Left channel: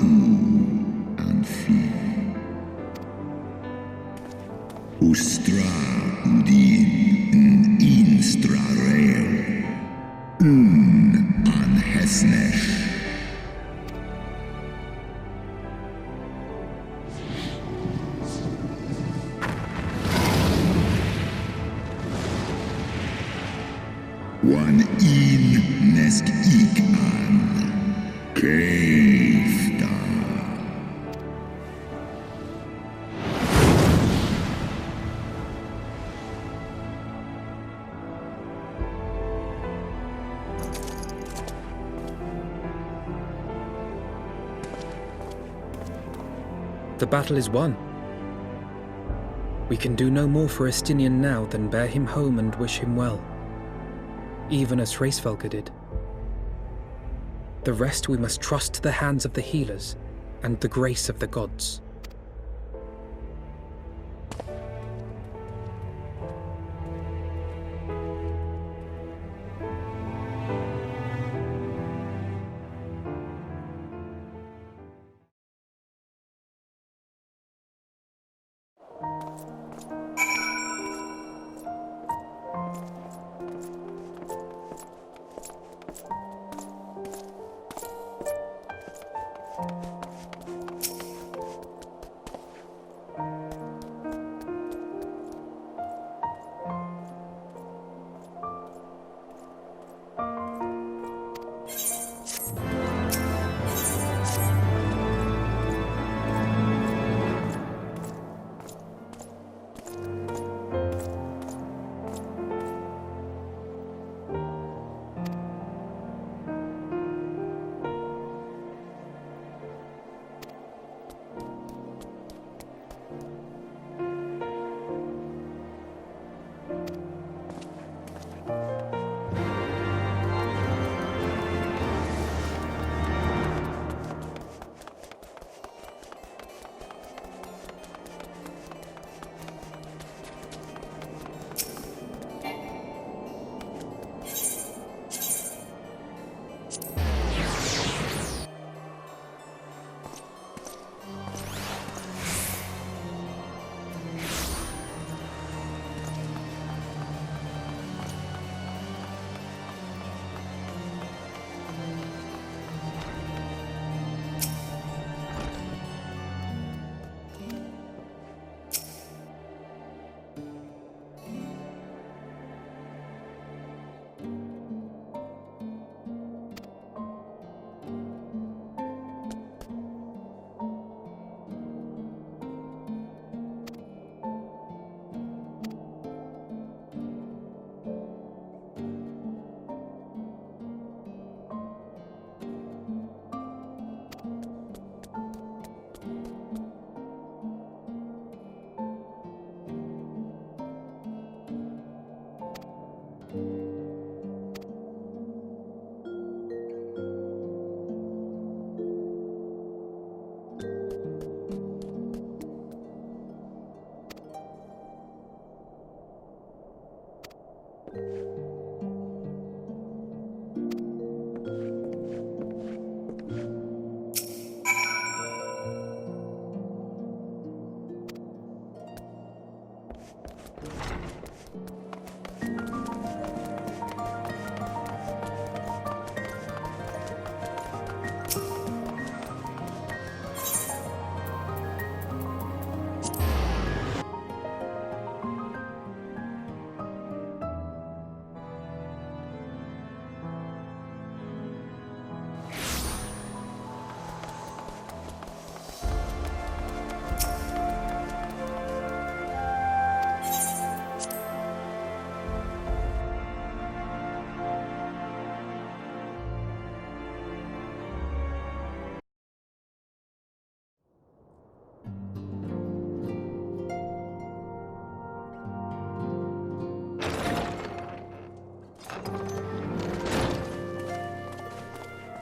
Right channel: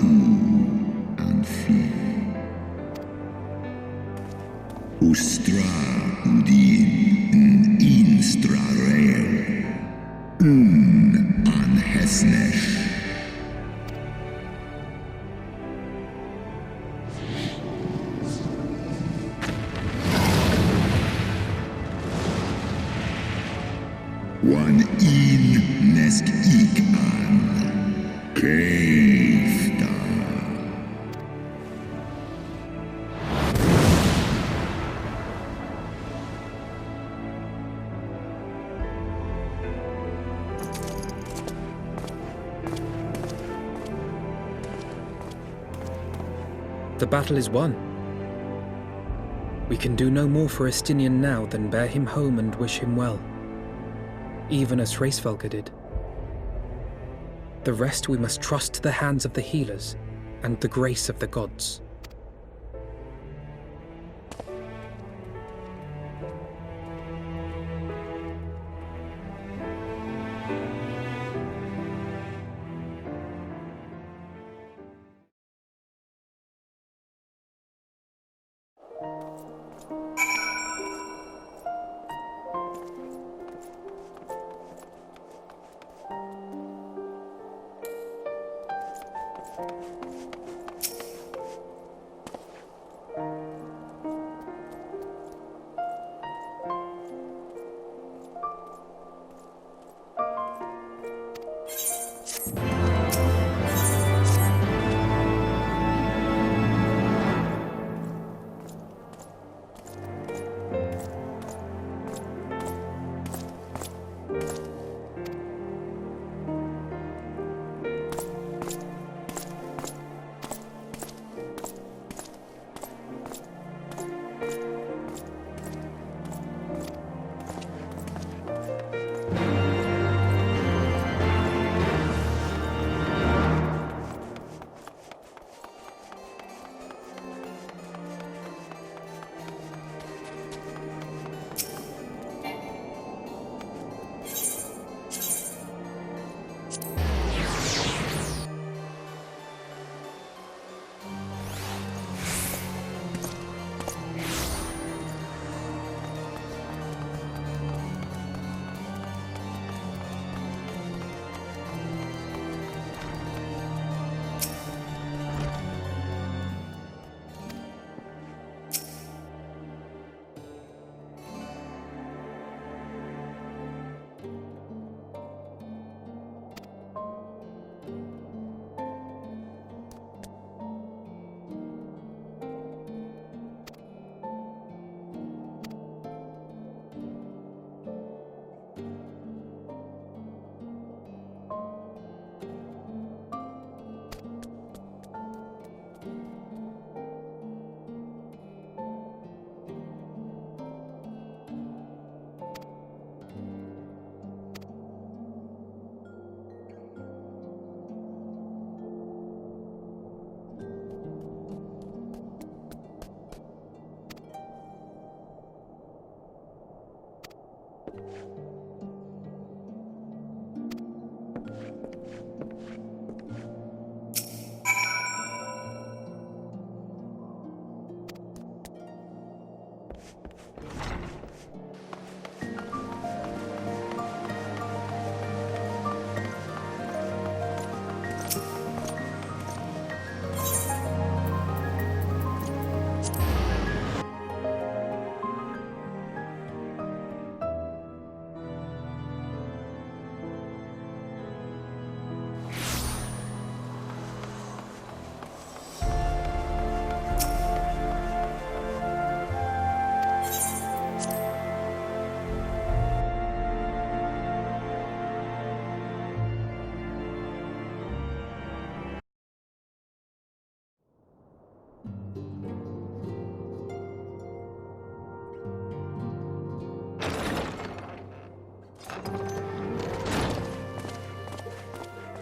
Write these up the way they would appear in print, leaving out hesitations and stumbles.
and fi. Ustra udin instra rel. An hesnesh. One in nesk ik an. Keifta. The battle is won. We can do no more for Estinian now than bear him home and wish him well, even as Hraesvelgr did. The rest we must trust to the hands of the healers and the grace of the gods.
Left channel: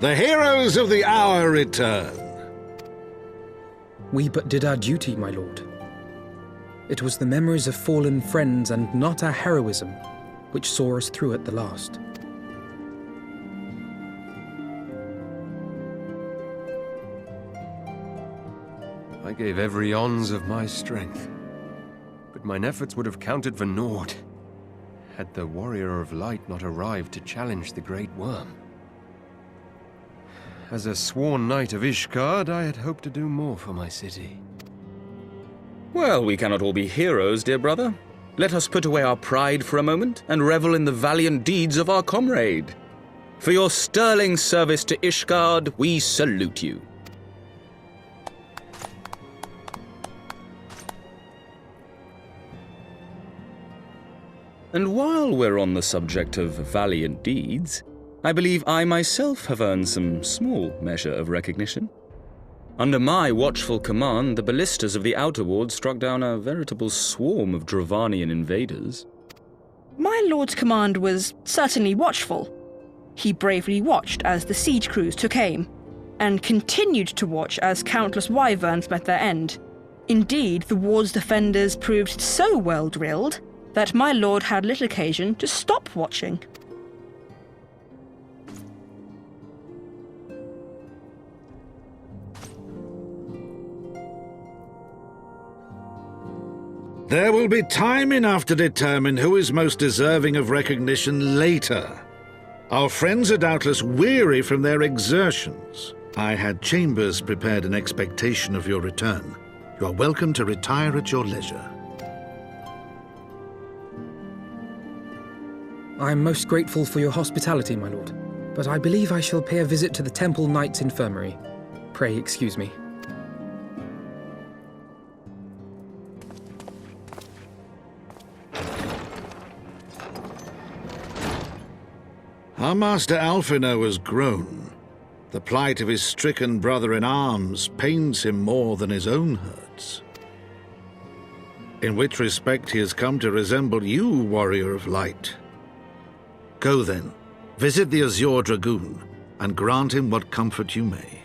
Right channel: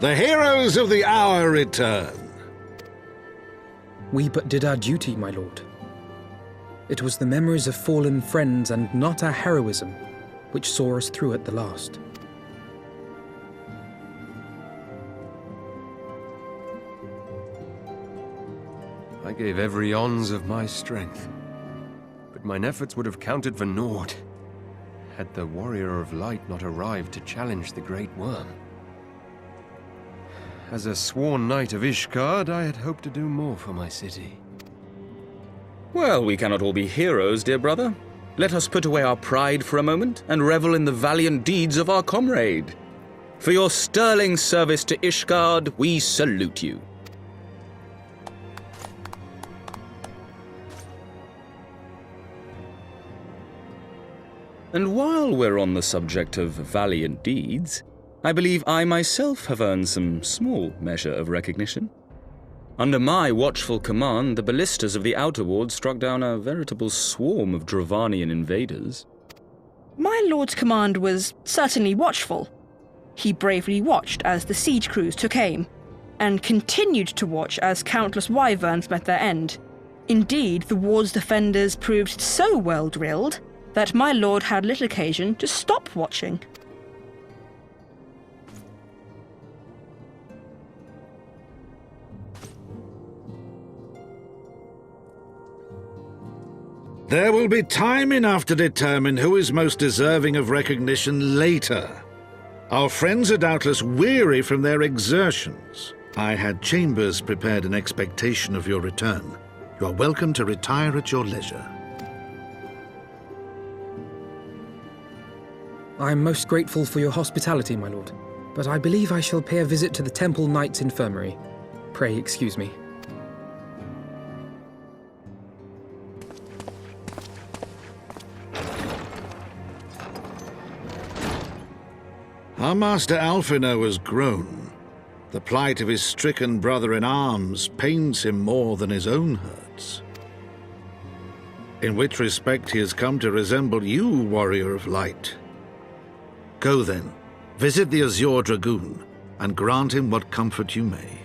The heroes of the hour return. We but did our duty, my lord. It was the memories of fallen friends and not our heroism which saw us through at the last. I gave every ounce of my strength, but mine efforts would have counted for naught had the Warrior of Light not arrived to challenge the Great Worm. As a sworn knight of Ishgard, I had hoped to do more for my city. Well, we cannot all be heroes, dear brother. Let us put away our pride for a moment and revel in the valiant deeds of our comrade. For your sterling service to Ishgard, we salute you. And while we're on the subject of valiant deeds, I believe I myself have earned some small measure of recognition. Under my watchful command, the ballistas of the Outer Ward struck down a veritable swarm of Dravanian invaders. My lord's command was certainly watchful. He bravely watched as the siege crews took aim, and continued to watch as countless wyverns met their end. Indeed, the ward's defenders proved so well drilled that my lord had little occasion to stop watching. There will be time enough to determine who is most deserving of recognition later. Our friends are doubtless weary from their exertions. I had chambers prepared in expectation of your return. You are welcome to retire at your leisure. I am most grateful for your hospitality, my lord, but I believe I shall pay a visit to the Temple Knight's Infirmary. Pray excuse me. Our master Alphino has grown. The plight of his stricken brother-in-arms pains him more than his own hurts. In which respect he has come to resemble you, Warrior of Light. Go then, visit the Azure Dragoon, and grant him what comfort you may.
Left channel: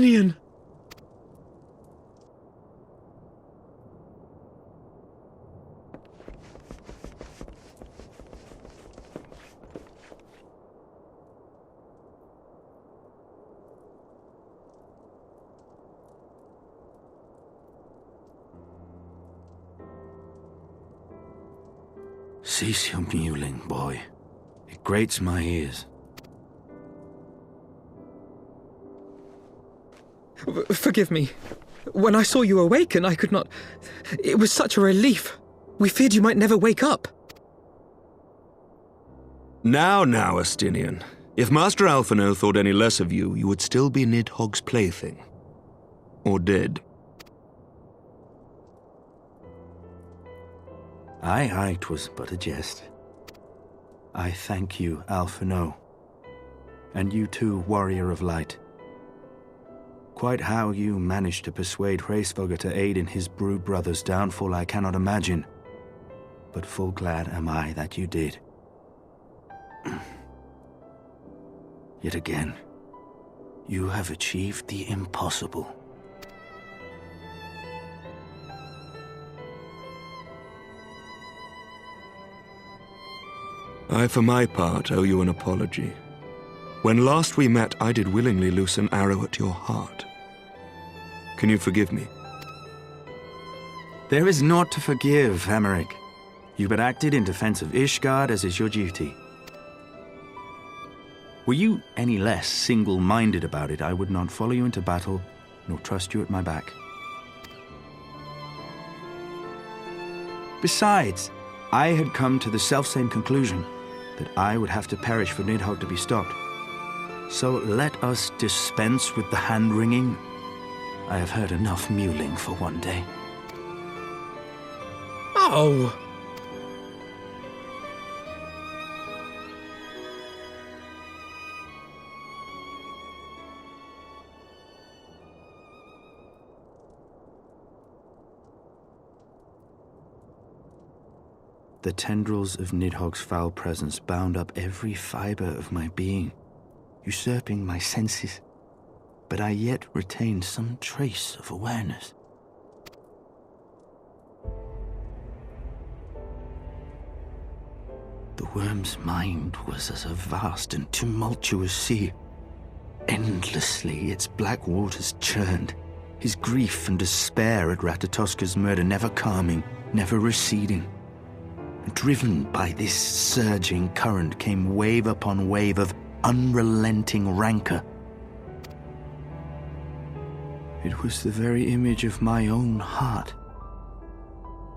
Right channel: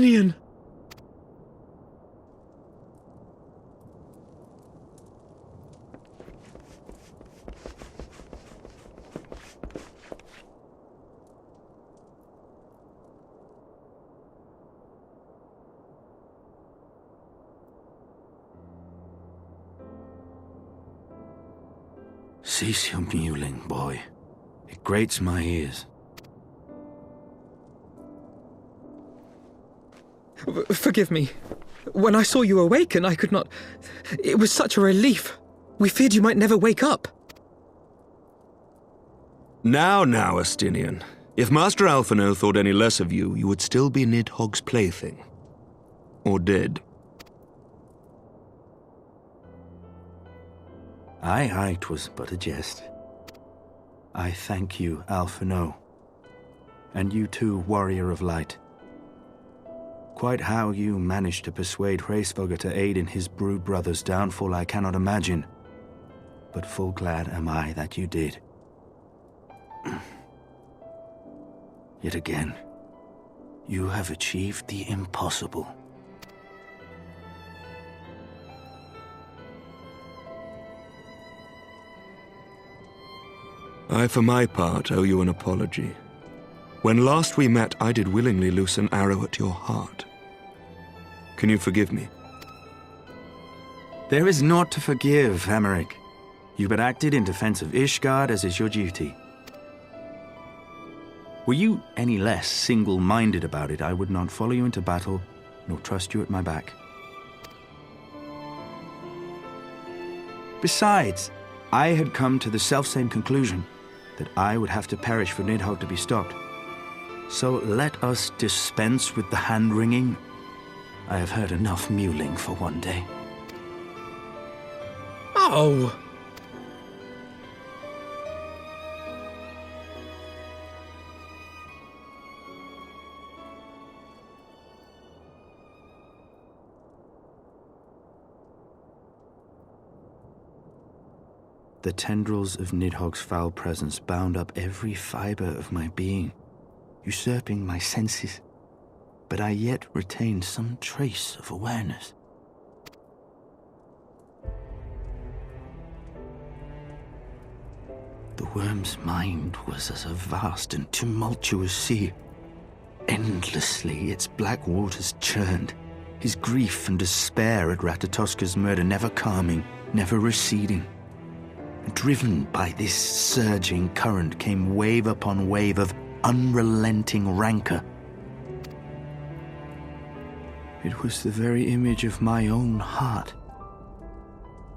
Estinian! Cease your mewling, boy. It grates my ears. Forgive me. When I saw you awaken, I could not... It was such a relief. We feared you might never wake up. Now, Estinian. If Master Alphino thought any less of you, you would still be Nidhogg's plaything. Or dead. Aye, 'twas but a jest. I thank you, Alphino. And you too, Warrior of Light. Quite how you managed to persuade Hraesvelgr to aid in his brood brother's downfall I cannot imagine, but full glad am I that you did. Yet again, you have achieved the impossible. I, for my part, owe you an apology. When last we met, I did willingly loose an arrow at your heart. Can you forgive me? There is naught to forgive, Hameric. You but acted in defense of Ishgard as is your duty. Were you any less single-minded about it, I would not follow you into battle, nor trust you at my back. Besides, I had come to the selfsame conclusion, that I would have to perish for Nidhogg to be stopped. So let us dispense with the hand-wringing. I have heard enough mewling for one day. Oh! The tendrils of Nidhogg's foul presence bound up every fiber of my being, usurping my senses, but I yet retained some trace of awareness. The worm's mind was as a vast and tumultuous sea. Endlessly its black waters churned, his grief and despair at Ratatoska's murder never calming, never receding. Driven by this surging current came wave upon wave of unrelenting rancor. It was the very image of my own heart.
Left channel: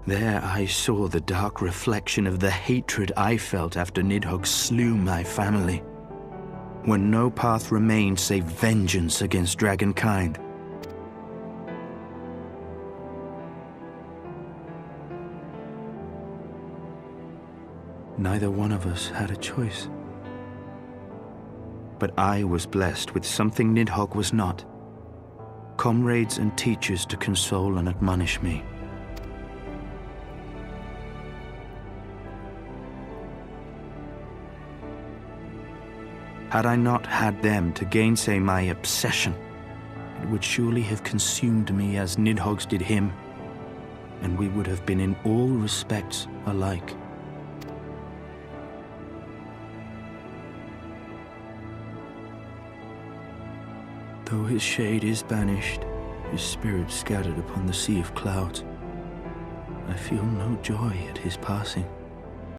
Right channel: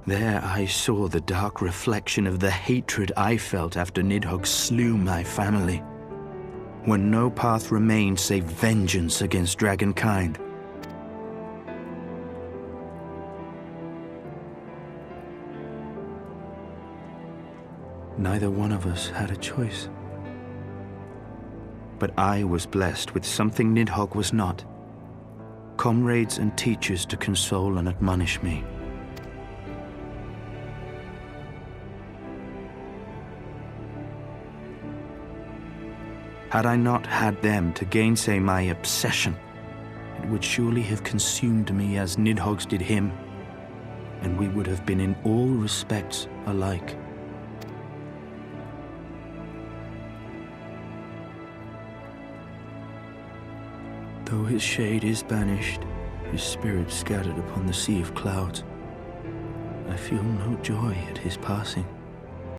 There I saw the dark reflection of the hatred I felt after Nidhogg slew my family, when no path remained save vengeance against dragonkind. Neither one of us had a choice. But I was blessed with something Nidhogg was not. Comrades and teachers to console and admonish me. Had I not had them to gainsay my obsession, it would surely have consumed me as Nidhogg's did him, and we would have been in all respects alike. Though his shade is banished, his spirit scattered upon the sea of clouds, I feel no joy at his passing.